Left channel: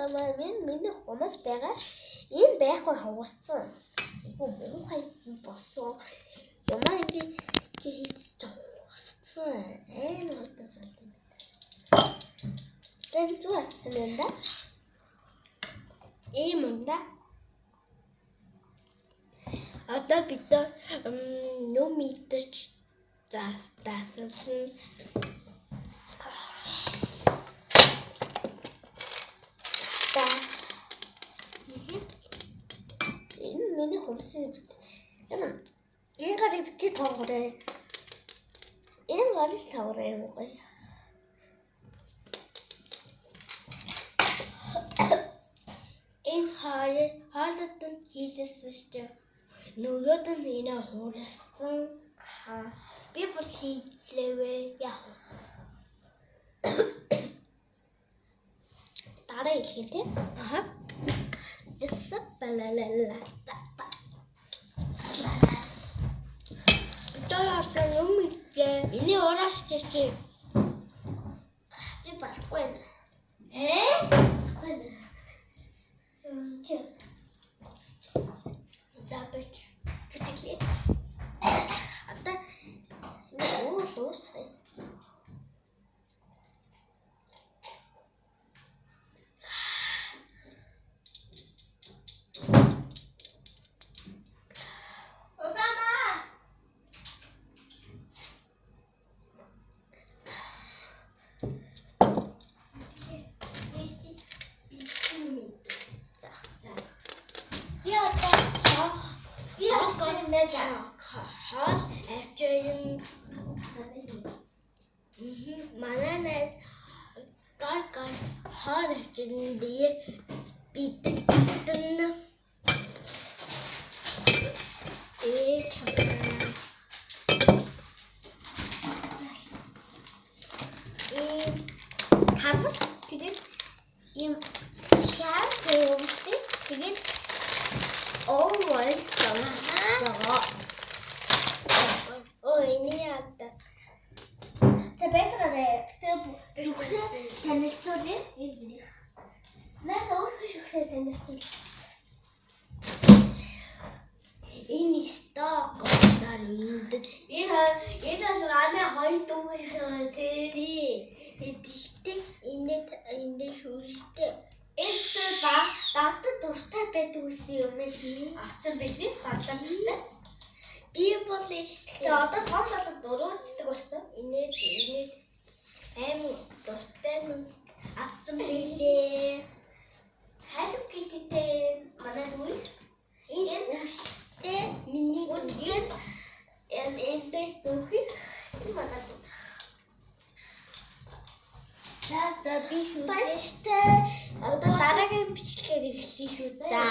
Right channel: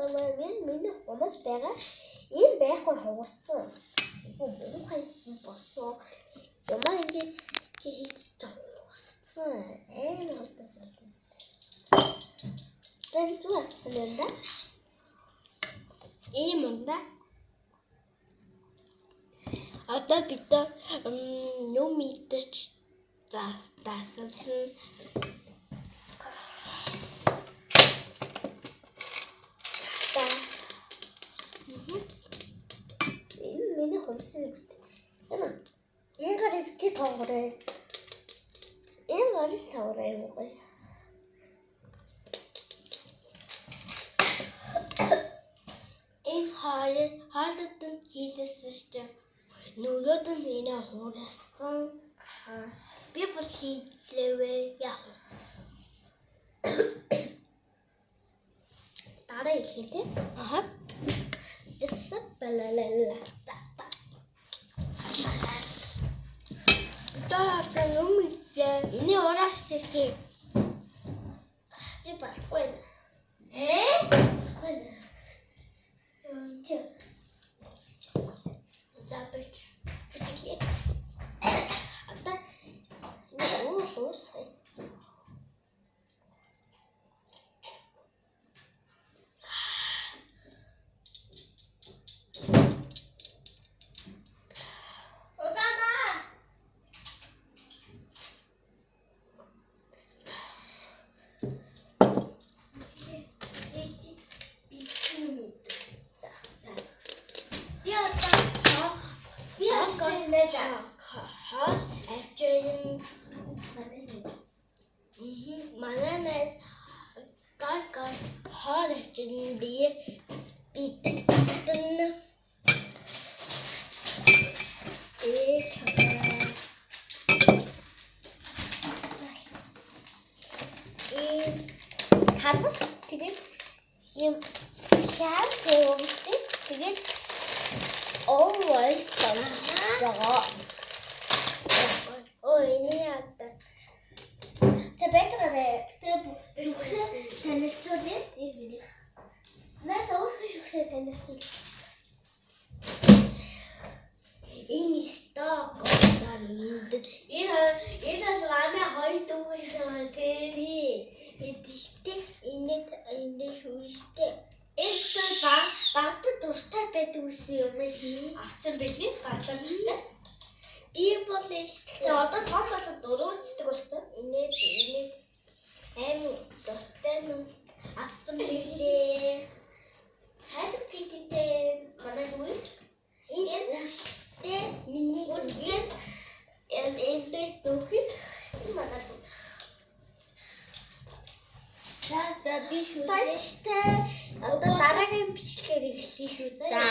байгаа миний хумас байгаа. Ийм байхгүй хугарсан. Муухай болсон. Ямаа ингэ хийчихсэн хугарсан. Хурдаас аль юм. Тэгвэл зүгээрсэн юм да. Ийм юм да. Одоо бид нөө мэдэрч заасан. Миний хумсын юм. Энэ гарыг бити тоогоорой. Энэ гарыг таваарай юм гоё. Энэ хаалт нь хийсэн шүү. Нөгөөд нь энэ хуурсан. Би бол хийлээвэ яах вэ? Дараа хэлэх тийм. Эсэ балалала. Таа нөмитэй. Энэ ораш чи. Би барахгүй. Байна. Чи. Забэж. Бүтгий. Ата. Нөө хоосай. Хаас авчирын мананад гай хаар авчирын дие битэн карбус тэгээд юм шар гоостэй тэгээд always байгаа. Ой, ниата. Тэбэтрэ танилцуулъя. Наа зөвхөн танилцуул. Энэ сток гарууд. Энэ манай хоёр дүүгээ тийм. Энэ шүүштэй. Это багт дуртай байдаг үсэн юм ээ. Авцсан биш ээ. Гадаа дуртай. Би бол ихтэй одоо том болоод дөрөвчдөг болсон. Энэ аим дуртай нь авцсан билээ. Хайд киттэй манай дүү. Энэ үстэй миний дүү. Энэ дүүхий манай дүү. За би шүү дээ. Одоо дараагийн бичлэгээр эхлэе шүү дээ. За.